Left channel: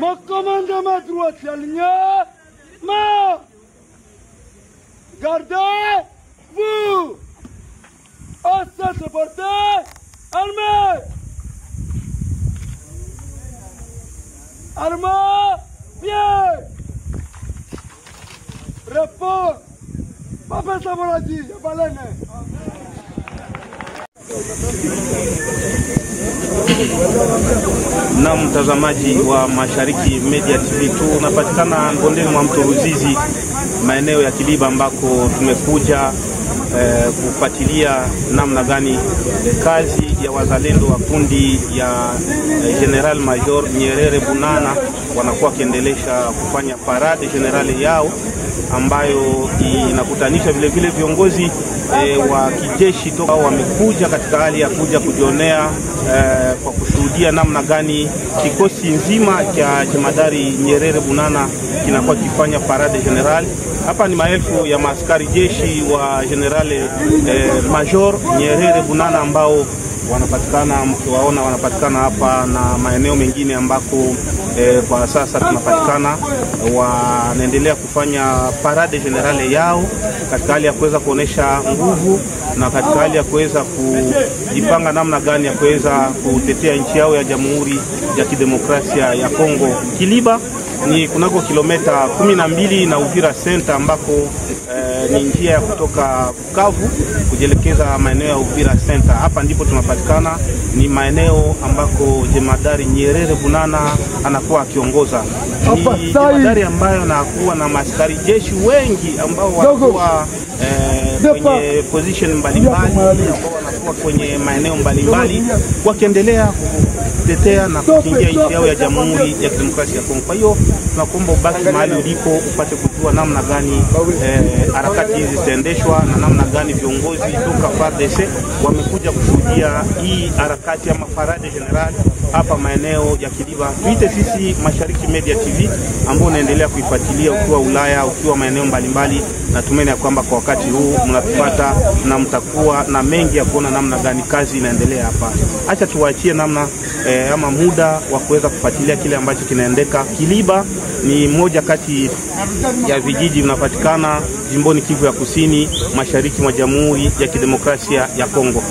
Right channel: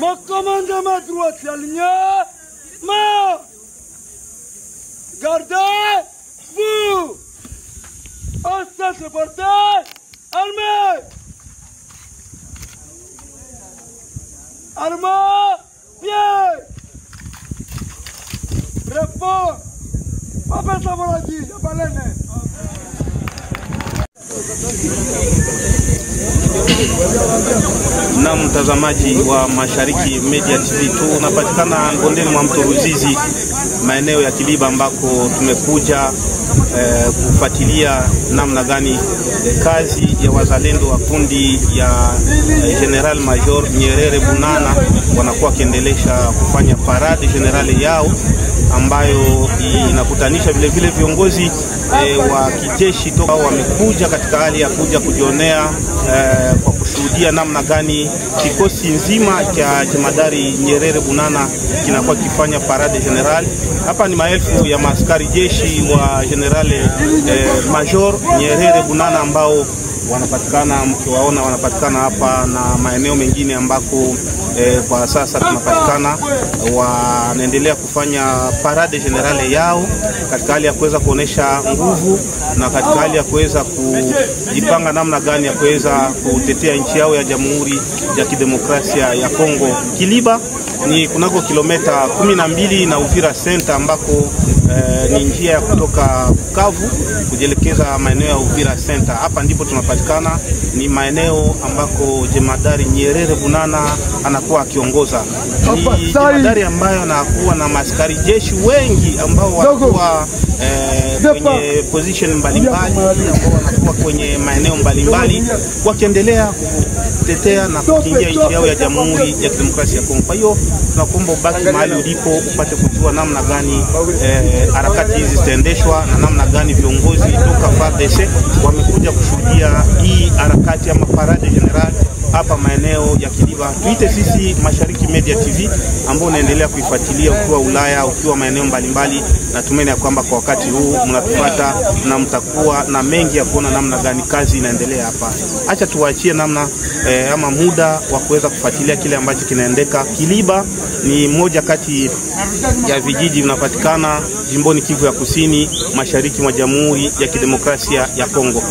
Ma commande ma droite, la ligne, ma gardez-vous. En cette portée, armée. Armée, pied. Repos. Papa Savaradi, Balene. Na mtazamaji wa Mashariki Media TV, tunapatikana bondeni mwa mto Ruzizi, maeneo ya Kiliba, ambako tumekuja kufuatilia namna gani kazi ya wazalendo wa kundi ya General Major Nyerere Bunana wanakuwa kiendelesha kufanya parade generale yao, ambayo inakutanisha vile vile viongozi wa kijeshi toka wamekuja katika hali ya kuja kujionea kwa kushuhudia namna gani kikosi nzima cha jemadari Nyerere Bunana kinakuwa kifanya parade general. Hapa ni maelfu ya maaskari jeshi wa General Major Nyerere Bunana ambao wanapatikana, mkiwaona wanapatikana hapa na maeneo mengine ambako kwa sasa tunapatikana, wanaendelea kufanya parade generale yao katika hali ya kuweza kuonesha nguvu na katika hali ya kuweza kujipanga namna gani ya kuweza kutetea nchi yao ya Jamhuri ya Kidemokrasia ya Kongo. Kiliba ni kunako kilomita 12 na Uvira Center, ambako ni njia ya kutoka Bukavu kujelekeza maeneo ya Uvira Center. Hapa ndipo tunapatikana, ni maeneo ambako jemadari Nyerere Bunana anakuwa akiongoza. Ni jemadari ambayo anakuwa na maaskari jeshi wengi ambao wanakuwa kwenye position mbalimbali, ambao wanakuwa kwenye maeneo mbalimbali wakiendelea kutetea na kukingia nchi yao ya Jamhuri ya Kidemokrasia ya Kongo. Kwa hiyo tunakuomba ubaki mahali ulipo upate kujua namna gani harakati hizi zitaendeshwa na namna gani viongozi toka FARDC wamekuja kushuhudia hii harakati ama parade general hapa maeneo ya Kiliba. Tuite sisi Mashariki Media TV ambao unaendelea kuifuatilia ukiwa Ulaya, ukiwa maeneo mbalimbali, na tumaini ya kwamba kwa wakati huu mnatufuata na mtakuwa na mengi ya kuona namna gani kazi inaendelea hapa. Acha tuwaachie namna ama muda wa kuweza kufuatilia kile ambacho kinaendeka. Kiliba ni moja kati ya vijiji vinapatikana jimboni Kivu ya Kusini, mashariki mwa Jamhuri ya Kidemokrasia ya Kongo.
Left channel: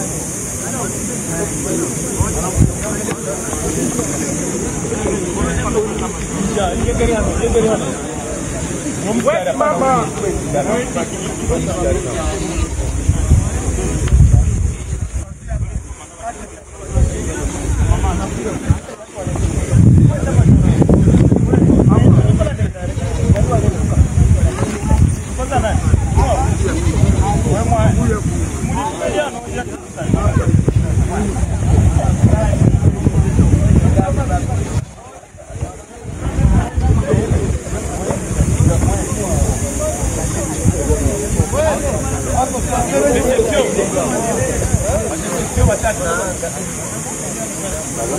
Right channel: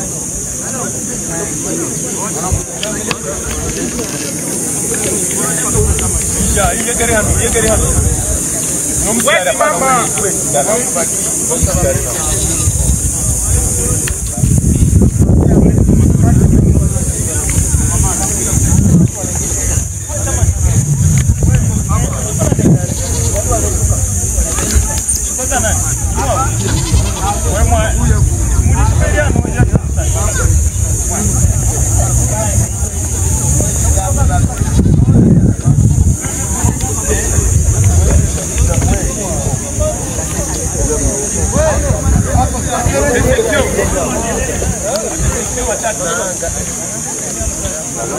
Na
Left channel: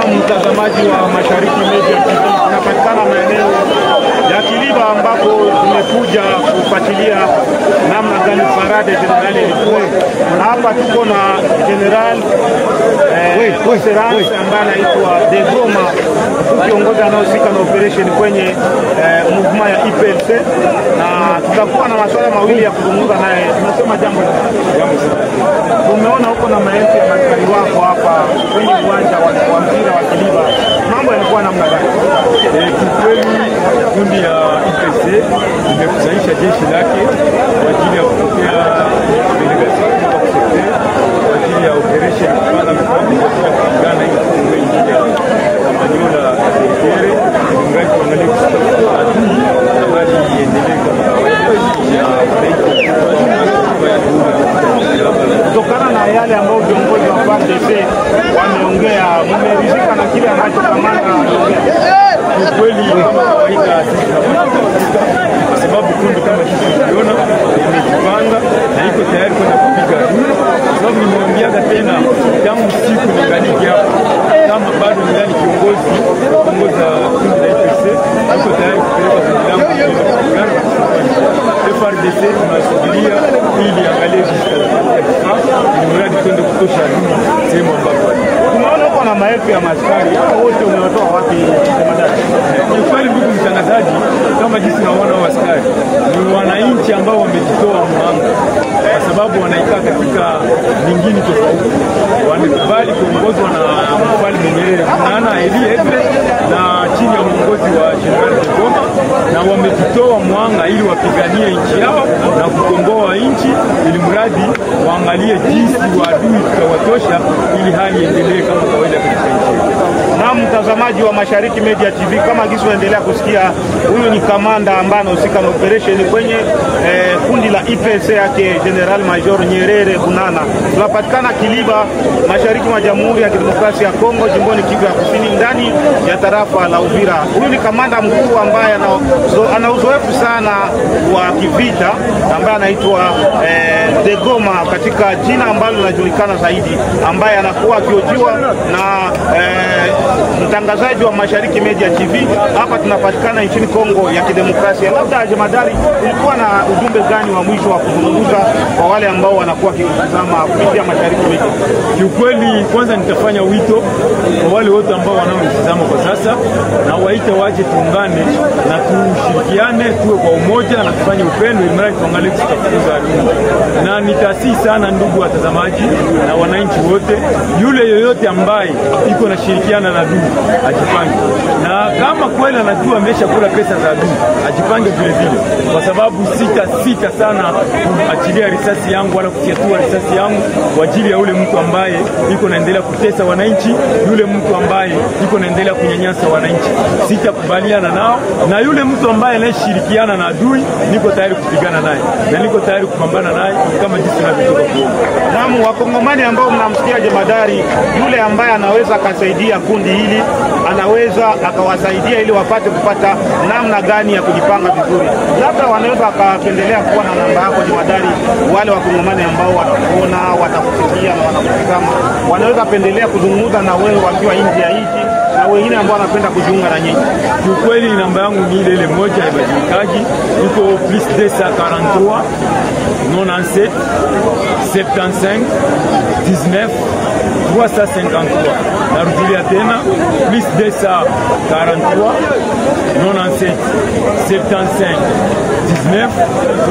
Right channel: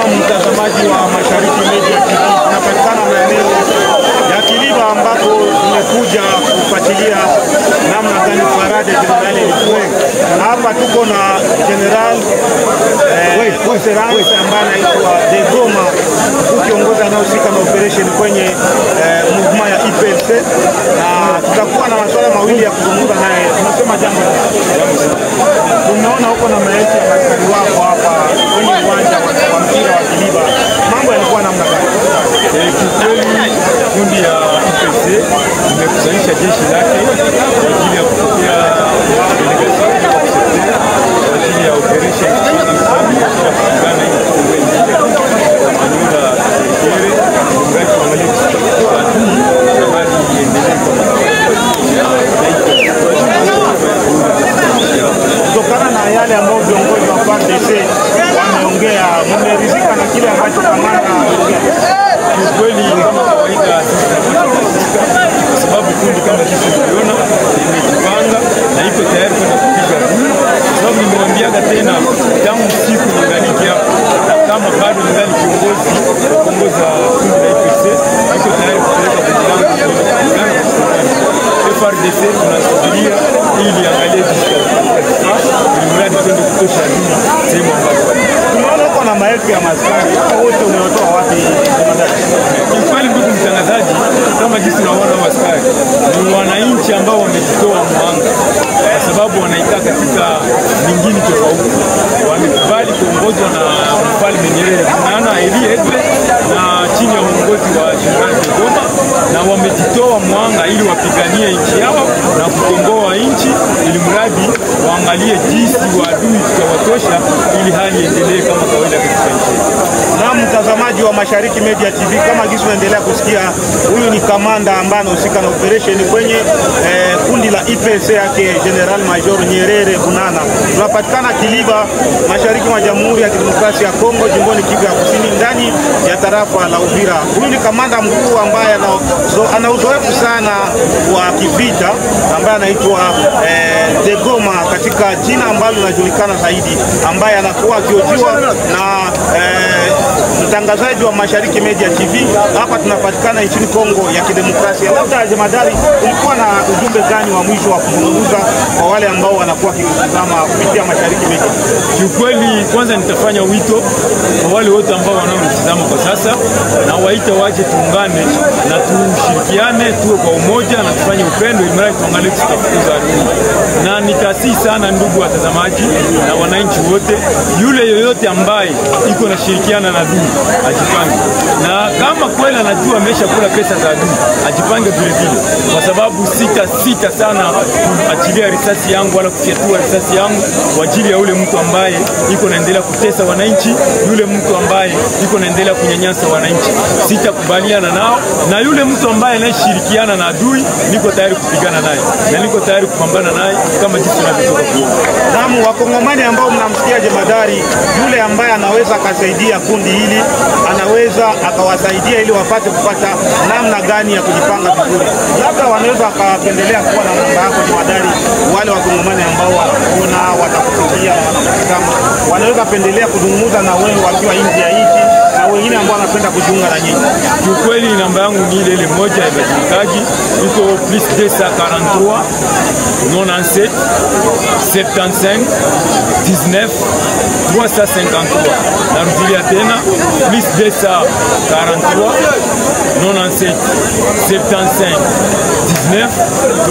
mtazamaji wa Mashariki Media TV, tunapatikana maeneo ya Kiliba ambako tumekuja kufuatilia namna gani parade general ilikuwa. Hapa tuko na General Conserance ambaye anaitwa Degoma, kiongozi anayehusika na operation kwenye movement ya IPLC, na tutakuwa na masuala mawili ya kuzungumza naye. Tunasema jambo tumeona huko na maelfu ya askari wako hapa kwenye uwanja wa mpira wa Kiliba, mambo yalikuwa namna gani? Kikweli kundi ya IPLC imekusanyisha jeshi lake kwa ajili ya kupokea delegation kwa ajili ya operation kupanga mipango ya kupigana ili kuongoza nchi ya Kamanyola Katerekere, mradi tuangalie kutoka adui na hali iendelee kama kawaida na wananchi kutokana na yale ambayo viongozi wa FARDC wameongea. Mmeridhika na kile ambacho kamanda ameongea? Kiukweli kama kawaida sisi tunapata kuridhika kwa sababu kundi kama sisi tuliona imejipanga na iko tayari kwenda kupiga adui, kwa sababu nimewambiaga tena tangu siku ningaliki hapa, kama bado ningali kiongozi wa kuongoza kundi la IPLC, iko tayari kupeleka kundi langu kupigana na kuchukua nchi. FARDC tunasubiria ili angalie jinsi ili mradi twende kutosha adui sehemu ambapo wali. Tumeona uko na maelfu ya maskari, hao wote umewatoa wapi jemadari? Ni kweli ndugu mtangazaji, kama jinsi naona askari ni wananchi ambao wamejitoa mwanga kwa sababu wanaikaa katika mingine tofauti, wamekubali kuongozwa na Mfalme Nyerere Bunana Eliedre na chini ya uongozi wa General Degoma, na wamejitoa mwanga ili wapiganie nchi yao na kukomboa nchi, ili mradi waangalie jinsi waadui tutawatosha ili hali iendelee kama kawaida katika nchi. Na mtazamaji wa Mashariki Media TV, kama gisi unaendelea kusikia, huyu ni kamanda ambaye anahusika na operation kwenye kundi la IPLC yake General Major Nyerere Bunana. Tunapatikana Kiliba, mashariki mwa Jamhuri ya Kidemokrasia ya Kongo, jimboni Kivu ya Kusini, ndani ya tarafa la Uvira. Huyu ni kamanda mkuu ambaye ana uzoefu sana wa kivita, ambaye anaitwa Degoma katika jina ambalo linajulikana zaidi, ambaye anakuwa akiojiwa na mtangazaji wa Mashariki Media TV. Hapa tunapatikana nchini Kongo ya Kidemokrasia. Labda jemadari, ulikuwa na ujumbe gani wa mwisho wa kuzungumza kwa wale ambao wanakuwa kikutazama kupitia Mashariki Media? Kiukweli kwanza nitafanya wito kwa wale wote ambao wanaonitazama kwa sasa, na waita waje tuungane na tushirikiane, tuwe kwa umoja na tufanye upendo ili mradi tuangalie tutafukuza adui. Na nitasii sana ndugu watazamaji na wananchi wote, yule yoyote ambaye iko na shirikiana na adui ajipange, na kama kweli anajua amesha kula pesa za adui ajipange vile vile, kwa sababu sita sana kuachilia risasi yangu wala kufyatua risasi yangu kwa ajili ya yule mtu ambaye iko naendelea kutesa wananchi, yule mtu ambaye iko naendelea kunyanyasa wananchi. Sitakubaliana nao, na yule mtu ambaye anashirikiana na adui niko tayari kupigana naye na niko tayari kupambana naye kama jinsi tunavyotoka kuona. Namu wakongomani ambao mnamsikia jemadari, yule ambaye anaweza akasaidia kundi hili, anaweza akawasaidia ili wapate kupata namna gani ya kujipanga vizuri. Labda wanaweza akapendelea kuwa na namba yako jemadari, wale wakongomani ambao wanakuona, watakusikia na wanakutazama, wanaweza pendelea kuzungumza na wewe wakiwa nje ya nchi na wengine ambao wanapenda kujiunga na nyinyi. Kiukweli namba yangu ni ile moja ya majikaji, iko +243 97 75 19 353. Narudilia tena +243 97 75 19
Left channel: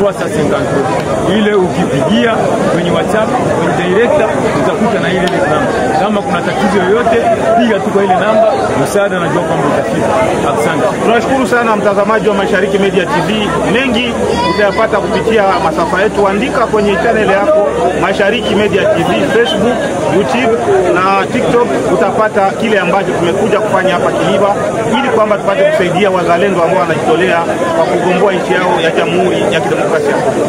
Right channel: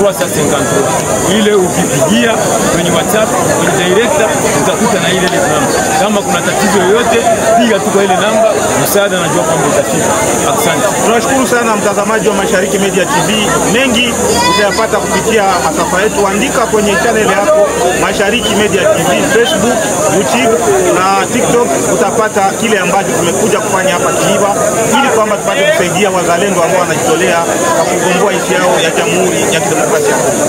353. Ile ukipigia kwenye WhatsApp kwenye director utakuta na ile namba. Kama kuna tatizo yoyote piga tu kwa ile namba, msaada najua kwamba utafika. Asante. Tunashukuru sana mtazamaji wa Mashariki Media TV. Mengi utayapata kupitia masafa yetu. Andika kwenye channel yako Mashariki Media TV, Facebook, YouTube na TikTok utapata kile ambacho tumekuja kufanya hapa Kiliba, ili kwamba tupate kusaidia wazalendo ambao wanajitolea kwa kugomboa nchi yao ya Jamhuri ya Kidemokrasia ya Kongo.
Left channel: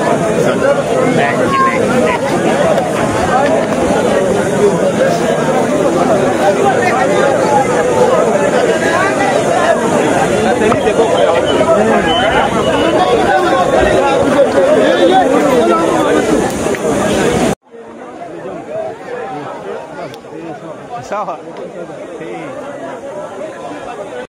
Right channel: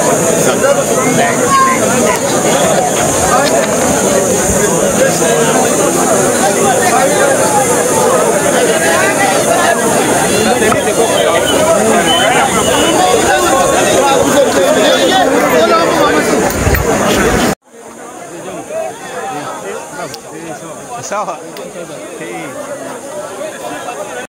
Sawa.